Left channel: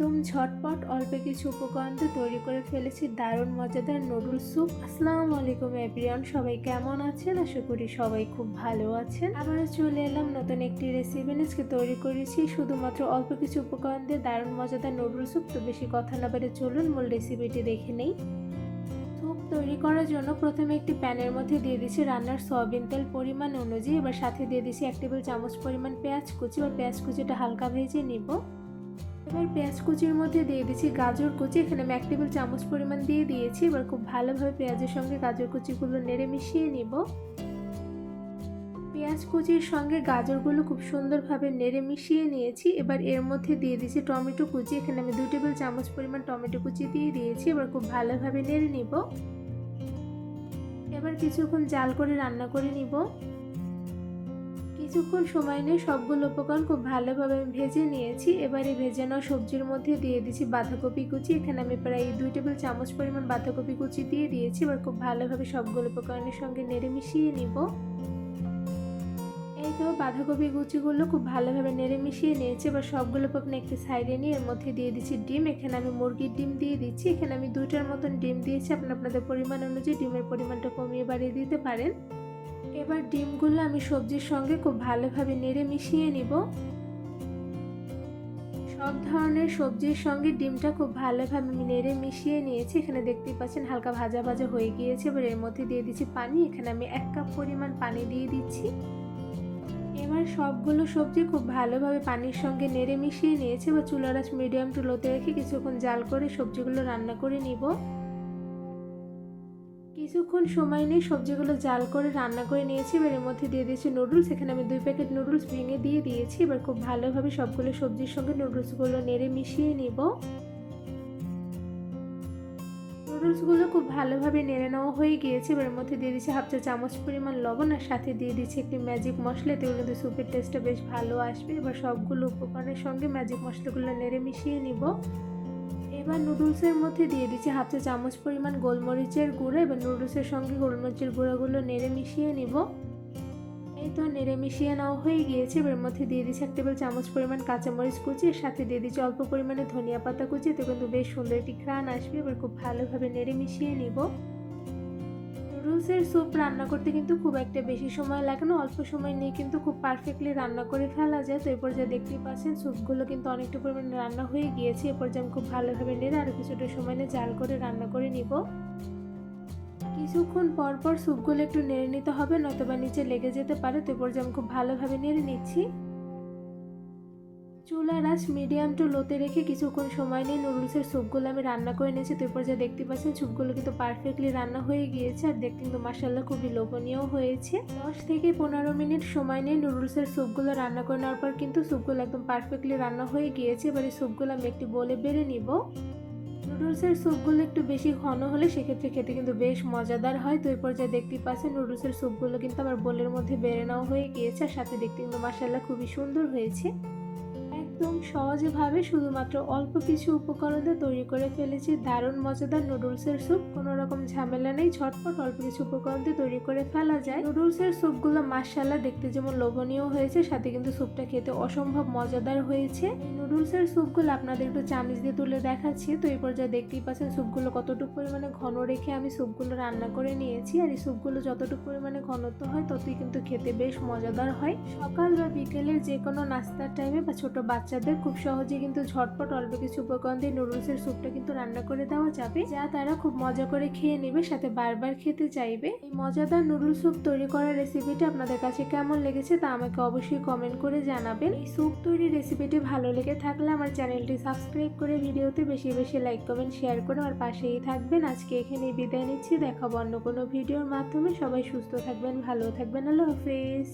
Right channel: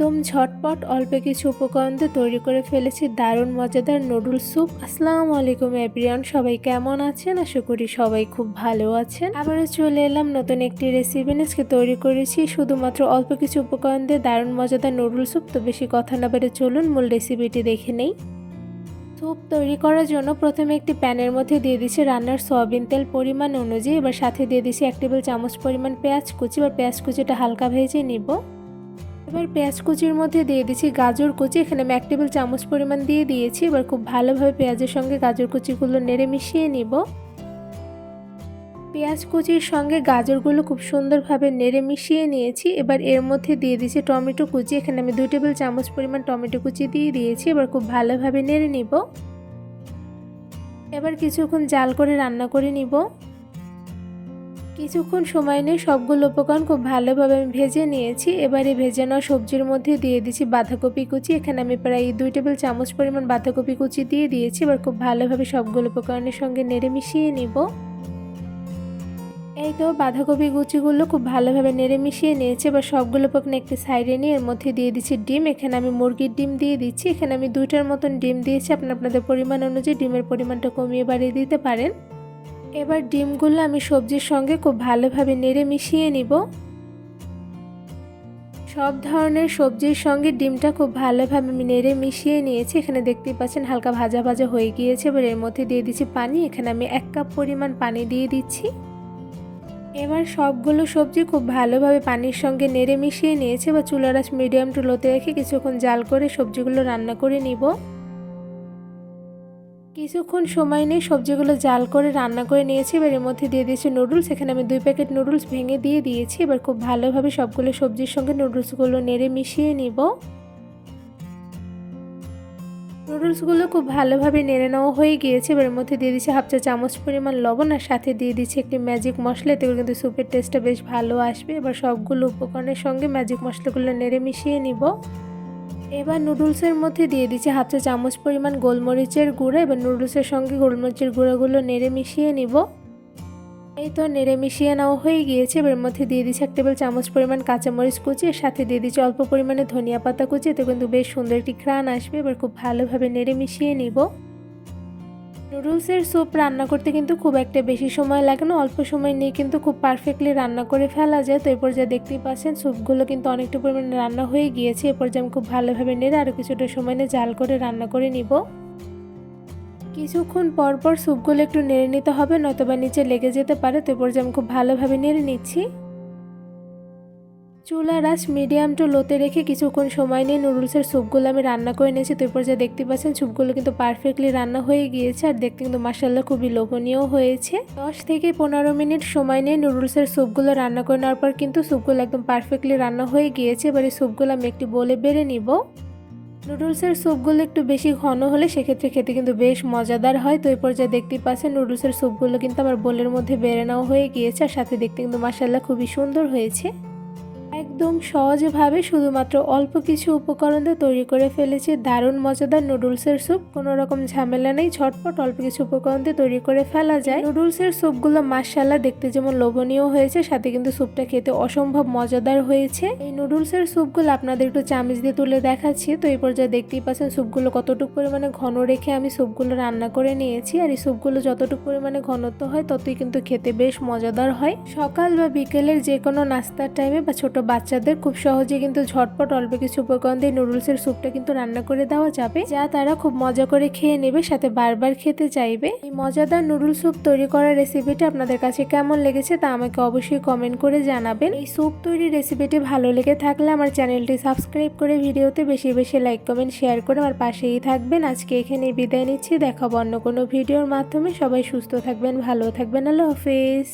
একদম ঝটপট অল্প কিছু উপকরণ দিয়ে তৈরি করে ফেলেছি দারুণ মজাদার নুডলস স্যুপ। আসসালামু আলাইকুম এভরিওয়ান, সবাই কেমন আছেন? আশা করি সবাই খুব ভালো আছেন। আবারও চলে এলাম নতুন একটি রেসিপি নিয়ে। আজকে তৈরি করেছি শুধুমাত্র অল্প কিছু উপকরণ দিয়ে দারুণ মজাদার নুডলস স্যুপ। তো বেশি কথা না বলে চলুন মূল রেসিপিটি দেখে নেই। স্যুপ তৈরি করার জন্য প্রথমে একটি প্যানের মধ্যে দিয়ে দিচ্ছি রান্নার সয়াবিন তেল পরিমাণ অনুযায়ী। এবার সাথে দিয়ে দিচ্ছি 1 টেবিল চামচ পরিমাণ পেঁয়াজ কুচি। এবার পেঁয়াজ কুচিটা হালকা ভেজে নিব। এবার পেঁয়াজ কুচির মধ্যে দিয়ে দিচ্ছি গাজর কুচি। এখানে আমি 1 টেবিল চামচ পরিমাণ দিয়ে দিয়েছি। এবার খুব ভালোভাবে পেঁয়াজের সঙ্গে গাজর কুচিগুলো নেড়ে মিশিয়ে নিব। পেঁয়াজ কুচির সঙ্গে গাজরগুলো খুব সুন্দরভাবে নেড়ে মিশিয়ে নিয়েছি। এবার এর মধ্যে দিয়ে দিচ্ছি টমেটো কুচি। এখানে আমি 2 টেবিল চামচ পরিমাণ টমেটো কুচি দিয়ে দিয়েছি। এবার খুব ভালোভাবে নেড়ে নিব। এবার কিছুক্ষণ জাল করে রান্না করে নিব। কিছুক্ষণ সময় নিয়ে সবগুলো উপকরণ খুব ভালোভাবে আমি ভেজে নিয়েছি। এবারে ভেজে নেওয়া সবজির মধ্যে দিয়ে দিচ্ছি বাঁধাকপি কুচি। এখানে আমি প্রায় 2 টেবিল চামচ পরিমাণ বাঁধাকপি কুচি দিয়ে দিয়েছি। এবার খুব ভালোভাবে সবগুলো উপকরণের সঙ্গে নেড়ে মিশিয়ে নিব। এই তো বাঁধাকপি কুচিগুলো খুব ভালোভাবে নেড়ে মিশিয়ে নিয়েছি। এবার সবগুলো উপকরণ একটি সাইডে নিয়ে এর মধ্যে দিয়ে দিচ্ছি ডিম। এখানে আমি মুরগির ডিম দিয়ে দিচ্ছি। এখানে আমি 2টার মতন ডিম দিয়েছি। আপনাদের পরিমাণ অনুযায়ী ডিমের পরিমাণটা কমিয়ে বাড়িয়ে দিতে পারেন। এবার ডিমগুলো আমি সবজির সঙ্গে খুব ভালোভাবে নেড়ে মিশিয়ে নিব। সব ধরনের সবজির সঙ্গে ডিমটা খুব ভালোভাবে আমি নেড়ে মিশিয়ে নিয়েছি। এখানে দেখতেই পাচ্ছেন হালকা ভাজা ভাজা হয়ে গিয়েছে। এবার এর মধ্যে দিয়ে দিচ্ছি পানি। এখানে আমি 1 কাপ পরিমাণ পানি দিয়ে দিচ্ছি। এবার সবগুলো সবজি খুব ভালোভাবে পানির সঙ্গে নেড়ে মিশিয়ে নিয়েছি। এবার চুলার আঁচ মিডিয়াম টু লোতে রেখে কিছুক্ষণ জাল করে সবজিগুলো রান্না করে নিব। কিছুক্ষণ সময় নিয়ে সবজিগুলো জাল করে রান্না করে নিয়েছি। এবার এর মধ্যে দিয়ে দিয়েছি নুডলস। এখানে আমি 2 প্যাকেট নুডলস ভেঙে দিয়ে দিয়েছি। এবার খুব ভালোভাবে সবগুলো সবজির সঙ্গে নুডলসগুলো নেড়ে মিশিয়ে নিব। নুডলসগুলো খুব ভালোভাবে নেড়ে নেওয়া হয়ে গিয়েছে। এবার এর মধ্যে দিয়ে দিচ্ছি 1/2 চা চামচ পরিমাণ লবণ আর সাথে দিয়ে দিচ্ছি একটি ম্যাজিক মশলা। এতে কিন্তু স্যুপের টেস্টটা বেশ ভালো আসবে। এবার সবগুলো উপকরণের সঙ্গে ম্যাজিক মশলাগুলো নেড়ে মিশিয়ে নিব। এবার নুডলসের মধ্যে দিয়ে দিচ্ছি 1/2 চা চামচ পরিমাণ গোলমরিচের গুঁড়া। এবার নুডলসের সঙ্গে গোলমরিচের গুঁড়াগুলো নেড়ে মিশিয়ে নিব। এই তো নেড়ে মিশিয়ে নেওয়া হয়ে গিয়েছে। এবার এর মধ্যে দিয়ে দিচ্ছি 1 টেবিল চামচ পরিমাণ কাঁচামরিচ কুচি। এর সাথে দিয়ে দিচ্ছি অল্প পরিমাণে ধনিয়া পাতা কুচি। এতে কিন্তু বেশ সুন্দর একটি ঘ্রাণ আসবে। এবার খুব ভালোভাবে নেড়ে মিশিয়ে নিব। নুডলসের স্যুপ রান্না করতে কিন্তু খুব একটা বেশি সময় লাগে না। অল্প সময় নিয়ে কিন্তু খুব পারফেক্টলি রান্না করে ফেলা যায়। তো এরপর যা দেখতেই পাচ্ছেন স্যুপগুলো কিন্তু অনেকটা পরিমাণে রান্না হয়ে গিয়েছে। এরপর যে আমি খুব ভালোভাবে নেড়ে আরও কিছুটা সময় নিয়ে জাল করে রান্না করে নিব। কিছুক্ষণ পর পর স্যুপগুলো একটু নেড়ে নিতে হবে, নয়তোবা নিচে লেগে যেতে পারে। তো এরপর যে আমি খুব ভালোভাবে নেড়ে নিচ্ছি। চুলার আঁচ মিডিয়াম টু লোতে রেখে কিছুক্ষণ সময় নিয়ে নুডলসের স্যুপগুলো আমি রান্না করে নিয়েছি। তো এরপর যা দেখতে পাচ্ছেন স্যুপগুলো কিন্তু পারফেক্টলি রান্না হয়ে গিয়েছে। আর দেখতে কিন্তু মাশাআল্লাহ খুবই লোভনীয় হয়েছে। 10 থেকে 15 মিনিট সময় নিয়ে নুডলসের স্যুপগুলো রান্না করে নেওয়ার পর কিন্তু স্যুপগুলো একদম পারফেক্টলি রান্না হয়ে গিয়েছে। এবার এই স্যুপগুলো আমি একটি বোলে বেড়ে নিব। নুডলসের স্যুপগুলো একটু বেশি ঘন হলে সেক্ষেত্রে খেতে কিন্তু বেশ মজাদার হয়। তো এই পর্যায়ে দেখতেই পাচ্ছেন নুডলসের স্যুপগুলো কিন্তু আমার বোলের মধ্যে বেড়ে নেওয়া হয়ে গিয়েছে। আর সাথে দেখতে কিন্তু মাশাআল্লাহ খুবই সুন্দর হয়েছে। একদম সহজভাবে শুধুমাত্র অল্প কিছু উপকরণ দিয়ে তৈরি করে ফেলেছি দারুণ মজাদার নুডলসের স্যুপ। কোনো রকম ঝামেলা নেই, ঝটপট অল্প কিছু উপকরণ দিয়ে তৈরি করে ফেলা যায়। নুডলসের স্যুপগুলো মাশাআল্লাহ দেখতে যেমন লোভনীয় হয়েছে, সাথে কিন্তু স্যুপটা খেতে অসম্ভব মজাদার হয়েছে। এই নুডলসের স্যুপগুলো আপনাদের একটু চামচ দিয়ে তুলে দেখাচ্ছি। তো এই পর্যায়ে দেখতেই পাচ্ছেন স্যুপগুলো কতটুকু পরিমাণে ঘন রেখে আমি স্যুপগুলো রান্না করে নিয়েছি। আর এই স্যুপগুলো যতটুকু পরিমাণে ঘনত্ব হয় ততই কিন্তু খেতে বেশ মজাদার হয়। সকাল বা বিকেলের যে কোনো নাস্তার টাইমে বা ছোট বাচ্চাদের খুব সহজে কিন্তু ঝটপট অল্প কিছু উপকরণ দিয়ে নুডলসের স্যুপটা কিন্তু রান্না করে দেওয়া যাবে, যা তারা খুব মজা করে খেয়ে নেবে, সাথে বারবার খেতে চাইবে। এই মজাদার নুডল স্যুপ তৈরি করার রেসিপিটি আপনাদের কাছে কেমন লেগেছে তা আমাকে অবশ্যই কমেন্ট করে জানাবেন। এই স্যুপ তৈরির রেসিপিটি ভালো লেগে থাকলে আমার চ্যানেলটি সাবস্ক্রাইব করে ভিডিওতে বেশি বেশি লাইক কমেন্ট শেয়ার করে আমার পাশেই থাকবেন। আজকে এখানেই বিদায় নিচ্ছি। দেখাবো অন্য কোনো ভিডিওর মাধ্যমে। সবাই সুস্থ থাকবেন, ভালো থাকবেন। আল্লাহ হাফেজ।